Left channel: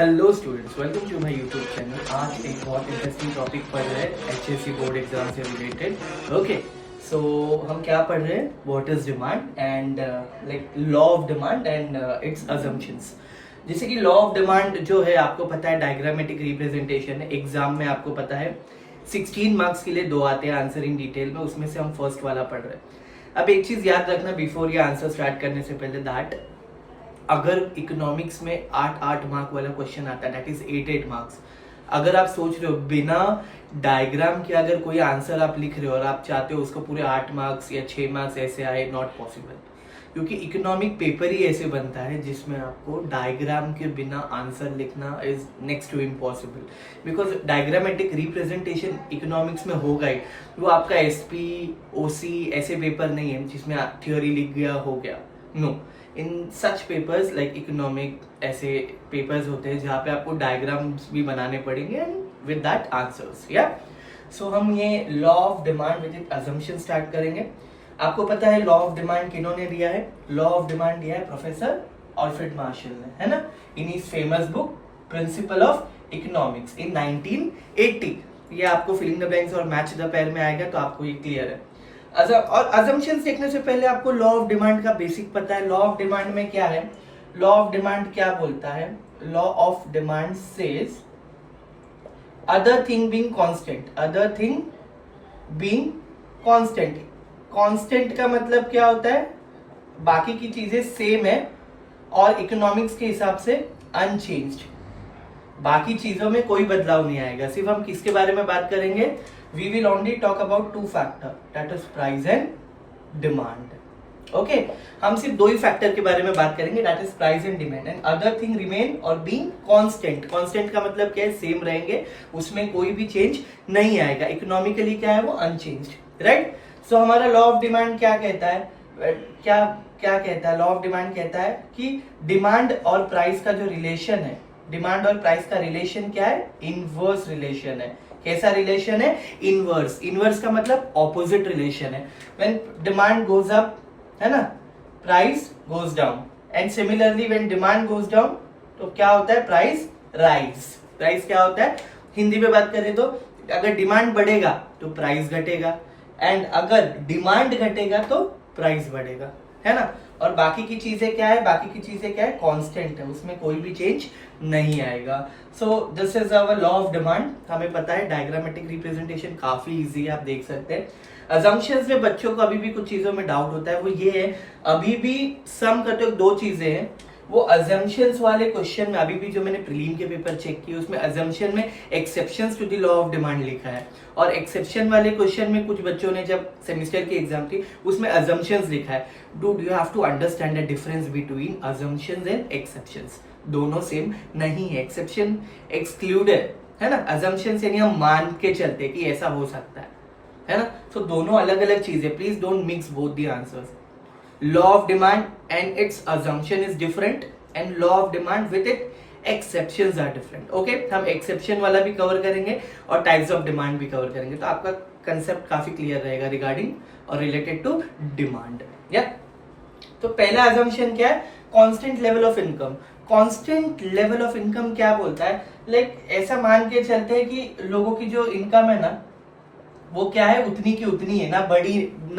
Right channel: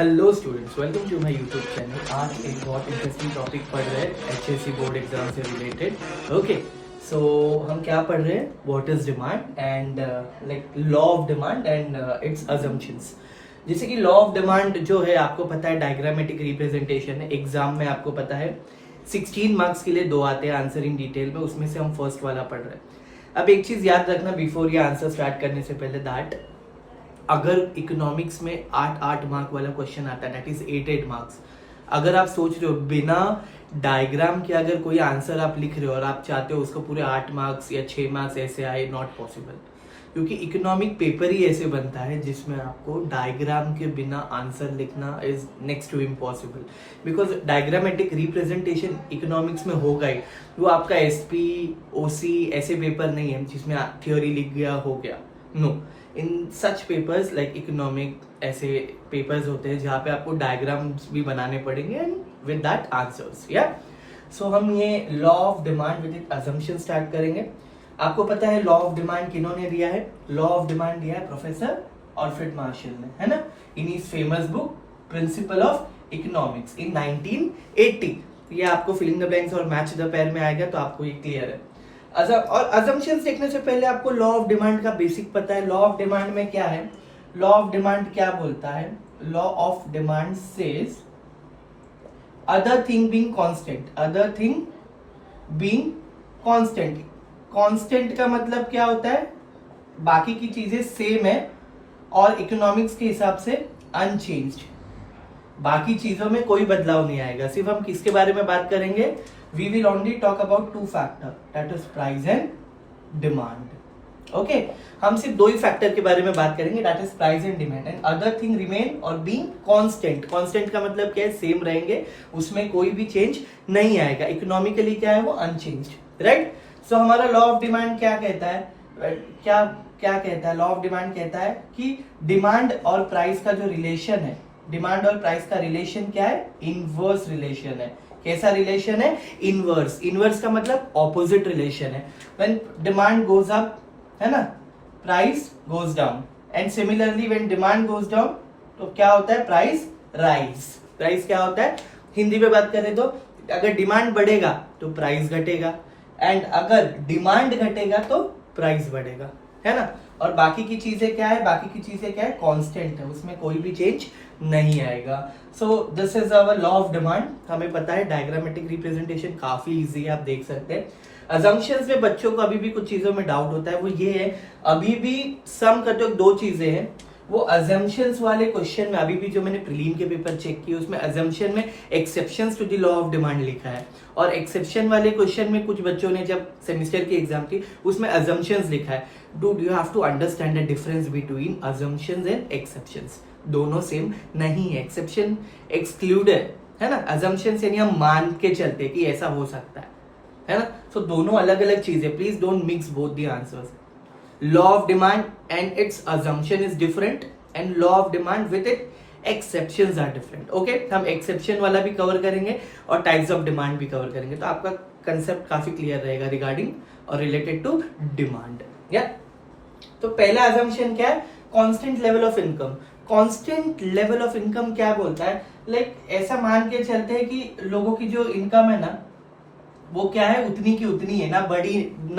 Hello students, welcome to my YouTube channel. आज एक बहुत इंटरेस्टिंग टॉपिक पढ़ रहे हैं एचएससी बोर्ड एग्जाम से रिलेटेड। ओके, सो हम क्या पढ़ रहे हैं? What is demand and like law of demand and its assumptions. जैसे कि लॉ ऑफ डिमांड जो है आपको पता है डायग्रामेटिक रिप्रेजेंटेशन है। एग्जाम में आपको पता है 16 मार्क्स के लिए 2 आते हैं आंसर इन डिटेल में, उसमें से हम फर्स्ट वाला पढ़ रहे हैं। अब एक चीज याद रखना बिफोर ये आंसर स्टार्ट करने से पहले, दैट अगर इकोनॉमिक्स में 8 मार्क वाला क्वेश्चन आता है, दैट इज 8 मार्क्स। अगर आप सोच रहे हो बिना डायग्राम के अगर कोई आंसर आप लिख रहे हो और आप चाहते हो उसको पूरे 8 मार्क्स या 6 मार्क्स ऐसे आए, नॉट पॉसिबल। क्योंकि इकोनॉमिक पेपर ही ऐसे बनता है जिसमें आपको डायग्राम के बिना आंसर लिखना is next to impossible. Because diagrammatic representation economics में होगा ही, वो आपका एसपी ओसी ऐसे पेपर नहीं है जिसमें थ्योरी लिख गया हो गया। नो, इन सच पेपर्स लाइक इकोनॉमिक ऐसे पेपर्स होते हैं जहाँ पे आपको डायग्राम्स भी बनाने पड़ेंगे एंड विद दैट आंसर्स। या सो हम ये law of demand with assumption start करेंगे। आपको पता है लॉ ऑफ डिमांड किन्होंने दिया है? लॉ ऑफ डिमांड दिया है प्रोफेसर अल्फ्रेड मार्शल ने, है ना, in his famous book Principle of Economics in 1980। ये आपको फिलिंग द ब्लैंक्स और मैच द पेयर में आएगा तो आपको ये क्लियर है। और अजम्पशंस देखने से पहले आपको लॉ ऑफ डिमांड का बेसिक पता है। लॉ ऑफ डिमांड में क्या है? लॉ ऑफ डिमांड क्या बोलता है? Law of demand says other thing being constant, other thing being constant. Constant का मतलब क्या होता है? बाकी की चीजें सेम है और इकोनॉमिक्स के हिसाब से अनचेंज्ड, बाकी चीजों में कोई बदलाव नहीं आएगा। सिर्फ हम किसके बारे में बात करेंगे? We will only talk about 2 factor, that is price and demand. Okay, हम सिर्फ 2 ही फैक्टर के बारे में बात करेंगे, that is price and demand, and other thing remain और being constant. Constant का मतलब क्या है? सेम रहेंगे, उसमें कोई भी चेंज नहीं आएगा। इकोनॉमिकली क्या है? वो अनचेंज्ड, राइट? सो हमारा लॉ ऑफ डिमांड क्या कहता है? क्या क्या कहता है? लॉ ऑफ डिमांड कहता है कि डिमांड और प्राइस का जो रिलेशन है, डिमांड और प्राइस का रिलेशन क्या है? इनवर्स रिलेशन है। कैसा रिलेशन है? इनवर्स। इनवर्स का मतलब ऑपोजिट रिलेशन है। व्हेन डिमांड गोज अप, है ना, price goes down, and similarly when demand goes down तो क्या होता है? Price rise. प्राइस क्या होता है? हिंदी में बात करें तो अगर डिमांड बढ़ेगा तो प्राइस घटेगा, एंड अगर डिमांड घटेगा तो प्राइस बढ़ेगा, है ना। और बाकी की चीजें क्या है? बाकी की चीजें क्या है? कांस्टेंट है, उसमें कोई भी चेंज नहीं आएगा। So this is our law of demand. हमें पता है डायग्रामेटिक रिप्रेजेंटेशन काफी इजी है, आप देख सकते हैं। अजम्पशंस में बच्चों को अभी भी कुछ चीजों में डाउट होता है, वो ये है अभी भी सम करते वक्त 2 चीजें हैं। वो अजम्पशंस वाले क्वेश्चन में अभी भी जो मैंने प्रीलिम के पेपर चेक किए उसमें अजम्पशन में exceptions to the law of demand लिखा है, और एक्सेप्शन वाले क्वेश्चन में कुछ बच्चों ने जब सेमेस्टर की एग्जाम थी उसमें अजम्पशंस लिखा है। Dude you have to understand the difference between assumptions and exceptions. दोनों सेम नहीं है। एक्सेप्शन एक्सक्लूड है ना, अजम्पशन से नहीं हम मान के चलते कि ऐसा हो सकता है ना। सो दोनों अलग अलग चीजें, please don't mix both the answers. Law of demand and its assumption is different, and law of demand with it exceptions are different. Okay, हम एक्सेप्शन वाला भी कवर करेंगे और टाइप्स ऑफ डिमांड भी कवर करेंगे, तो आपका कंसेप्ट काफी क्लियर रहेगा रिगार्डिंग और रिलेटेड टू डिमांड। या तो पहला अजम्पशन क्या है? Constant level of income. Constant level of income क्या बोलता है? लाइक ऐसा मान के चलते हैं कि लोगों की जो इनकम है ना वो क्या है? उतनी की उतनी है, ना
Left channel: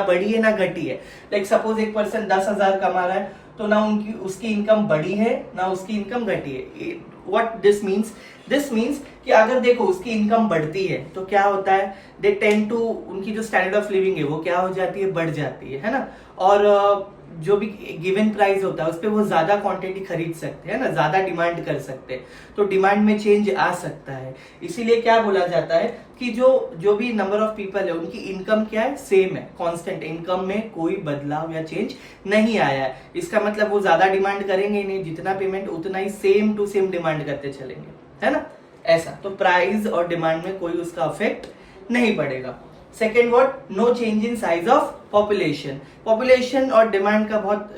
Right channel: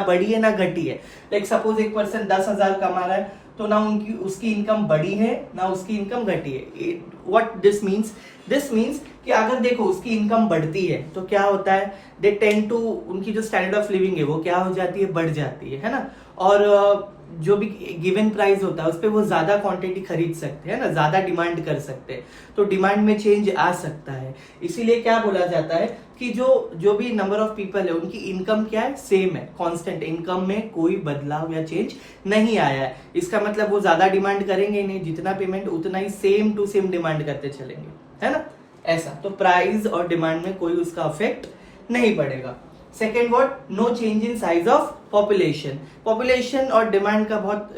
बड़ी है ना घटी है। लाइक सपोज एक पर्सन 10,000 कमा रहा है तो ना उसकी इनकम बड़ी है ना उसकी इनकम घटी है। What this means? This means कि अगर देखो उसकी इनकम बढ़ती है तो क्या होता है? दे टेंड टू, उनकी जो स्टैंडर्ड ऑफ लिविंग है वो क्या हो जाती है? बढ़ जाती है ना। और जो भी गिवन प्राइस होता है उस पर वो ज्यादा क्वांटिटी खरीद सकते हैं ना, ज्यादा डिमांड कर सकते हैं, तो डिमांड में चेंज आ सकता है। इसीलिए क्या बोला जाता है कि जो भी नंबर ऑफ पीपल है उनकी इनकम क्या है? सेम है, कांस्टेंट। इनकम में कोई बदलाव या चेंज नहीं आया है। इसका मतलब वो ज्यादा डिमांड करेंगे नहीं, जितना पेमेंट उतना ही सेम टू सेम डिमांड करते चलेंगे, है ना, ऐसा। तो प्राइस और डिमांड में कोई उसका अफेक्ट नहीं पड़ेगा। Second what? No change in size of population. Population और डिमांड का बहुत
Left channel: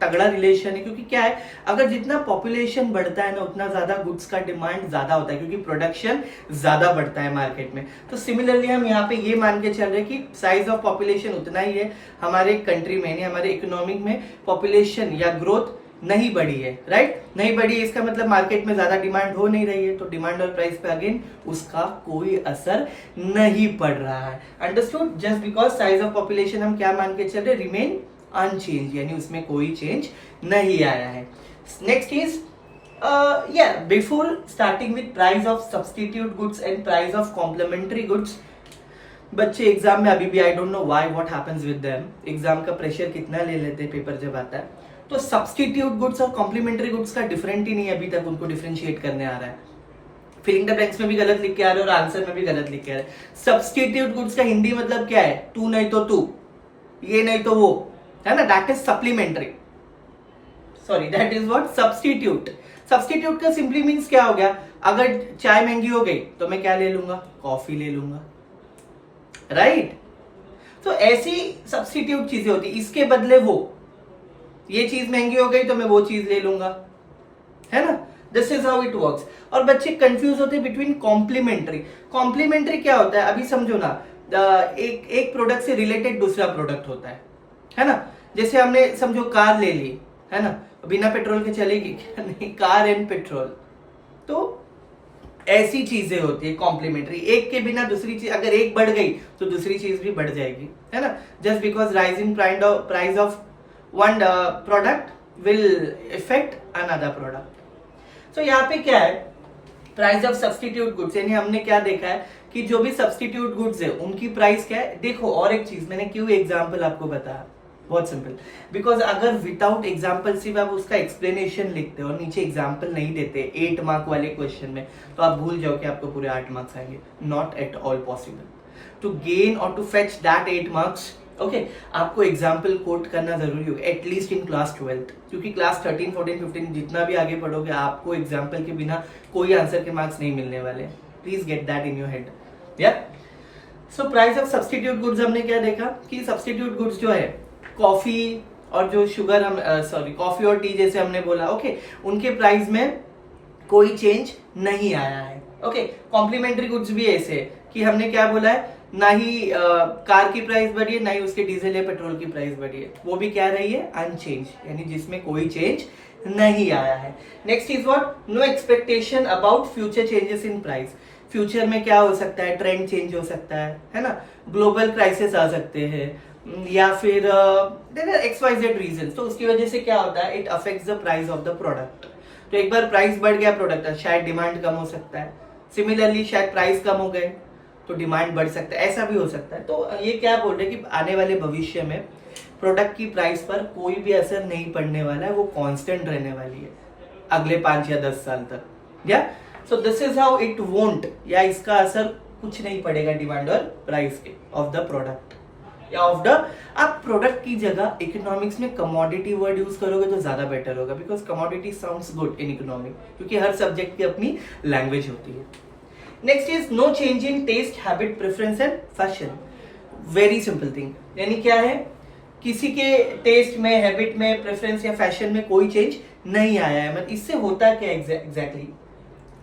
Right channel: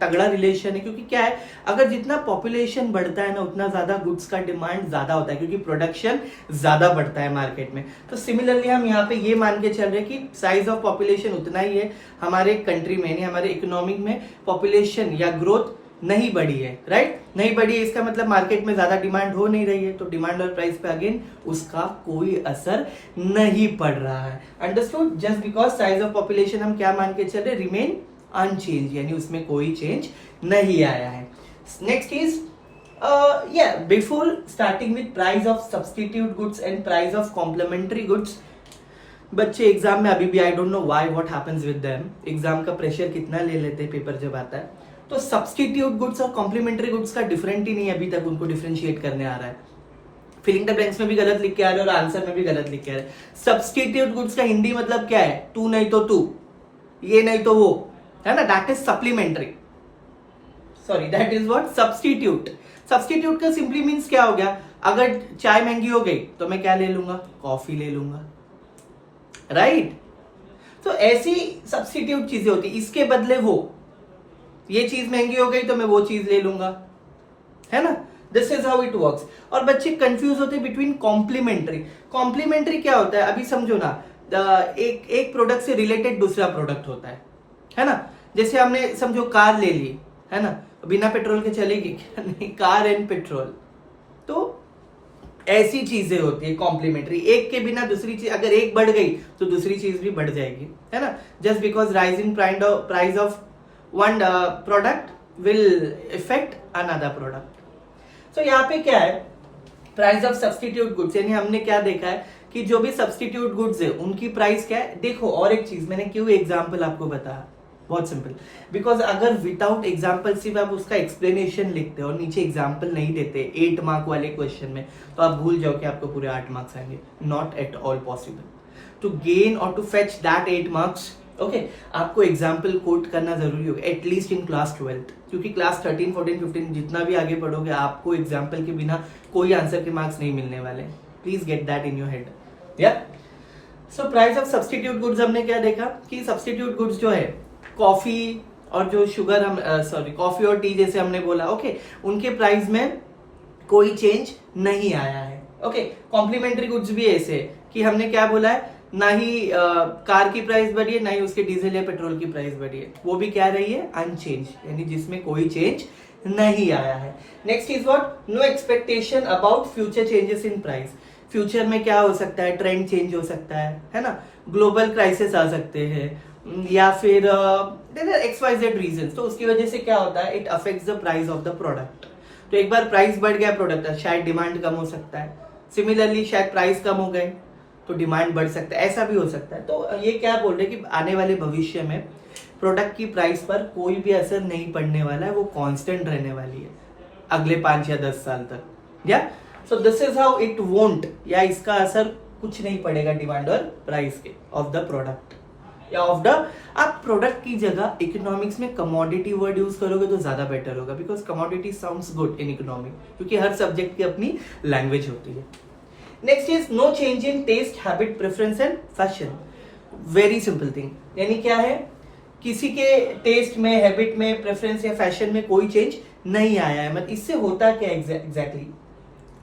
तगड़ा रिलेशन है, क्योंकि क्या है, अगर जितना पॉपुलेशन बढ़ता है ना उतना ज्यादा गुड्स का डिमांड ज्यादा होता है, क्योंकि प्रोडक्शन ज्यादा बढ़ता है मार्केट में। तो सिमिलरली हम यहाँ पे ये मान के चल रहे हैं कि साइज ऑफ पॉपुलेशन उतना ही है हमारे कंट्री में, यानी हमारे इकोनॉमिक में पॉपुलेशन या ग्रोथ नहीं बढ़ी है, राइट? नहीं बढ़ी है, इसका मतलब मार्केट में ज्यादा डिमांड हो नहीं रही है, तो डिमांड और प्राइस पे अगेन उसका कोई असर नहीं पड़ रहा है। Understood? Just because size of population हम क्या मान के चल रहे, रिमेन अनचेंज, यानी उसमें कोई चेंज नहीं आया है। Next is before starting with price of substitute goods and price of complementary goods, बच्चे एग्जाम में अभी भी I don't know why what happens with them, exam का प्रेशर कितना ले लेते हैं पेपर जब आता है, तो सब्स्टिट्यूट गुड्स और कॉम्प्लीमेंट्री गुड्स का डिफरेंट ही नहीं अभी तक उनको डिफरेंशिएट करने आ रहा है। फिलिंग द ब्लैंक्स में भी गलत लिख के आ रहे हैं और आंसर में भी गलत लिख के आ रहे हैं। सब्स्टिट्यूट गुड्स का हिंदी मतलब क्या है? तू नहीं तो तू, ये नहीं तो वो, है ना? That is supplementary, sorry that is what? Substitute. Substitute का सिंपली मीन्स क्या हो गया, अगर चाय महंगी हो गई तो मैं क्या ले लूंगा? कॉफी ले लूंगा, राइट? तो ऐसी सब्स्टिट्यूट चीजें होती, इसके बदले वो, ये चीज महंगी हो गई तो मैं वो चीज ले लूंगा, है ना? This is how it works. और बच्चे कंफ्यूज होते हैं बिटवीन कॉम्प्लीमेंट्री। कॉम्प्लीमेंट्री क्या होता है? अभी समझो ना, एक प्रोडक्ट से रिलेटेड दूसरा प्रोडक्ट होता है ना? जैसे हमने समझो कार ले ली, है ना? बिना पेट्रोल के चलेगी क्या? नहीं, कार एंड पेट्रोल, तो ऐसी चीजें होती है कॉम्प्लीमेंट्री। एक के बिना दूसरी चीज, अगर एक बढ़ गई तो दूसरी चीज भी बढ़ जाएगी, है ना? Just because rising price of one product will effect another product. तो यहाँ पे क्या है, प्राइस ऑफ सब्स्टिट्यूट गुड्स, यानी हमने क्या देखा है कि जो भी सब्स्टिट्यूट गुड्स है उनकी प्राइस क्या है। देखो, और एक चीज मैंने क्यों एग्जाम्पल आपको बताया, बहुत सिंपल, बिकॉज अगर विदाउट एग्जाम्पल सिर्फ आप उसका एक्सप्लेनेशन लिखते और नीचे एग्जाम्पल नहीं देते 8 मार्क वाले क्वेश्चन में, तो आप भूल जाओ कि आपको पूरे 8 मार्क्स आएंगे। Not at all possible. To gain और to fetch that 8 marks, okay, आपको एग्जाम्पल कोट करना जरूरी होगा, एटलीस्ट इन क्लास 12, क्योंकि क्लास 13, 14, 15 जितना भी आगे पढ़ोगे आपको एग्जाम्पल के बिना कोई आंसर के मार्क्स नहीं मिलने वाले। Please get that in your head. या so price of substitute goods हमने क्या देखा कि सब्स्टिट्यूट गुड्स जो है, कॉफी और जो शुगर हम कॉफी और टी जैसे हमने बोला, ओके, उनके प्राइस में कोई चेंज नहीं आया है। ओके, कॉम्प्लीमेंट्री गुड्स भी ऐसे कि हमने क्या बोला है, ना ही कार की प्राइस बढ़ी है, ना ही उसके डीजल या पेट्रोल की प्राइस बढ़ी है, वो भी क्या रही है? अनचेंज, यानी जिसमें कोई चेंज नहीं आया है। Next is what? No expectation about future changes in price. Future में क्या हो सकता है? ट्रेंड चेंज हो सकता है ना? ग्लोबल क्राइसिस आ सकते हैं, या फिर XYZ रीजन, तो उसकी वजह से क्या होता है, it affects the price of the product. तो एक बार प्राइस बढ़ गया प्रोडक्ट का, शायद डिमांड कम हो सकता है। सिमिलरली शायद प्राइस कम हो गए तो डिमांड बढ़ सकता है, ऐसा भी हो सकता है। तो ये क्या बोल रहे हैं कि आने वाले भविष्य में प्रोडक्ट की प्राइस पर कोई भी असर नहीं पड़ने वाला है, वो कांस्टेंट रहने वाली है अगले 5 या 10 साल तक। या सो this is how it won't, या इसका असर कुछ नहीं पड़ेगा डिमांड और प्राइस के ऑफ द प्रोडक्ट या ऑफ द, आप प्रोडक्ट की जगह इकोनॉमिक्स में कमोडिटी वर्ड यूज करोगे तो ज्यादा बेटर होगा, because commodity sounds good in economic, क्योंकि हर सब्जेक्ट की अपनी लैंग्वेज होती है। Next is no change in taste, habit, preference and fashion. Very simple thing, यानी क्या है, किसी के टेस्ट में, हैबिट में, प्रेफरेंस या फैशन में कोई चेंज नहीं आया है। मतलब इससे होता क्या एग्जैक्टली?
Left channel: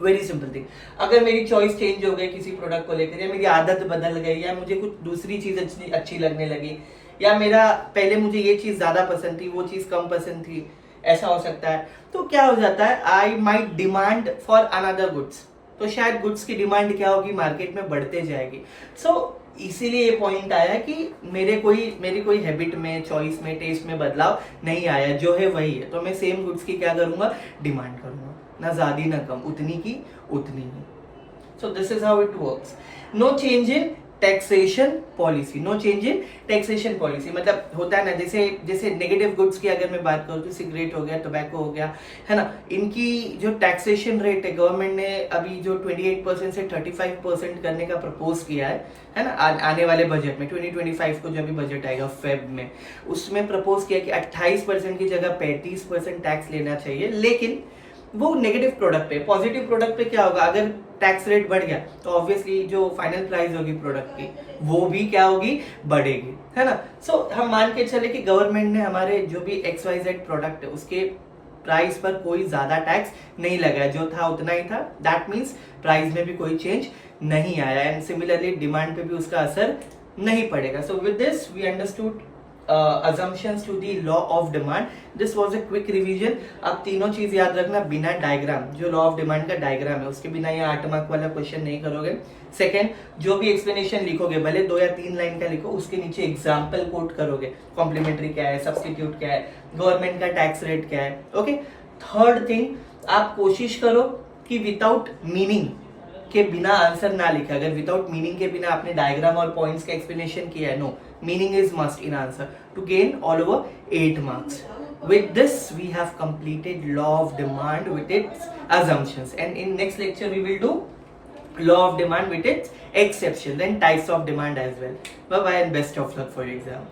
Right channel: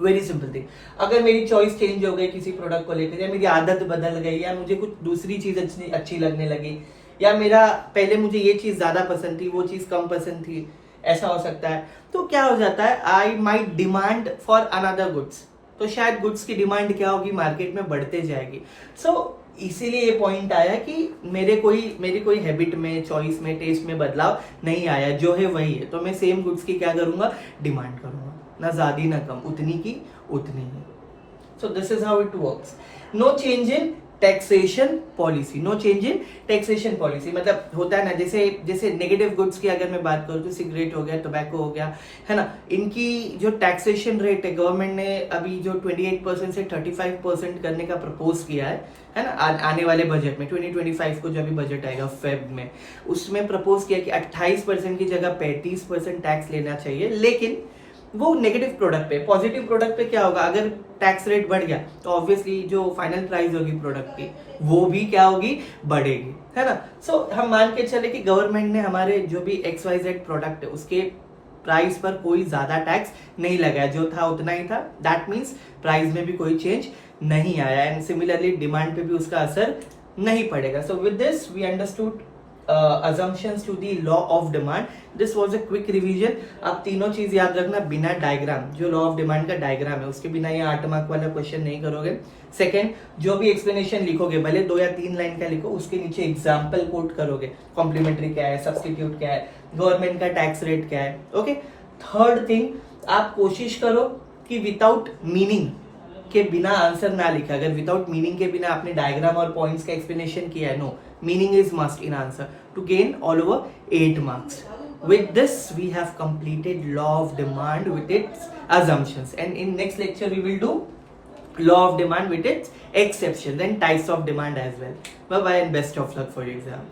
वेरी सिंपल थिंग, अगर मेरी चॉइस चेंज हो गई किसी प्रोडक्ट को लेकर, या मेरी आदत बदल गई, या मुझे कुछ दूसरी चीज अच्छी लगने लगी, या मेरा पहले मुझे ये चीज ज्यादा पसंद थी, वो चीज कम पसंद थी, ऐसा हो सकता है। तो क्या हो जाता है, I might demand for another goods, तो शायद गुड्स की डिमांड क्या होगी, मार्केट में बढ़ते जाएगी। सो इसीलिए ये पॉइंट आया कि मेरी कोई हैबिट में, चॉइस में, टेस्ट में बदलाव नहीं आया, जो है वही है। तो मैं सेम गुड्स की क्या करूंगा, डिमांड करूंगा, ना ज्यादा ना कम, उतनी की उतनी ही। So this is how it works. No change in taxation policy, no change in taxation policy मतलब होता है ना, जैसे नेगेटिव गुड्स की अगर मैं बात करूँ तो सिगरेट हो गया, टोबैको हो गया, है ना, इनकी जो टैक्सेशन रेट है, गवर्नमेंट ने अभी जो 28% से 35% करने का प्रपोज किया है ना, आने वाले बजट में 2025 को जब भी बजट आएगा फेब में, उसमें प्रपोज किया कि 28% की जगह 35% टैक्स लेना चाहिए। लेकिन वो नेगेटिव प्रोडक्ट पे, पॉजिटिव प्रोडक्ट पे क्या होगा, अगर टैक्स रेट बढ़ गया तो ऑब्वियसली जो फाइनल प्राइस होगी प्रोडक्ट की वो भी क्या होगी, बढ़ेगी, है ना। सो हम मान के चले कि गवर्नमेंट ने हमारे जो भी XYZ प्रोडक्ट है उसके प्राइस पर कोई ज्यादा टैक्स नहीं लगाया, जो था उतना ही था। दैट मीन्स प्राइस में भी कोई चेंज नहीं आया, एंड सिमिलरली डिमांड पे भी उसका असर नहीं पड़ेगा। So with this we understood assumptions to the law of demand. This was a quick revision. आप तीनों चीज याद रखना बिना डायग्राम, जो लॉ ऑफ डिमांड का डायग्राम है उसके बिना ये 8 मार्क वाला क्वेश्चन नहीं करोगे. सेकेंड, जो भी एक्सप्लेनेशन लिखोगे भले 2 या 3 लाइन का लिखो, उसके नीचे एग्जाम्पल कोट करोगे. कॉम्प्लीमेंट्री क्या है, सब्सटीट्यूट क्या है, गवर्नमेंट का टैक्स रेट क्या है. ओके. थर्ड थिंग, आप कोशिश करो कि विदाउट मीनिंग के बिना आंसर ना लिखे. अगर विदाउट मीनिंग के बिना आपने डायग्राम और पॉइंट्स का एक्सप्लेनेशन किया है, no, meaning is must in answer to gain all over 8 marks. With this, we have completed law of demand with its assumptions, and in next lecture we will do law of demand with its exception, then types of demand as well. Bye bye and best of luck for your exam.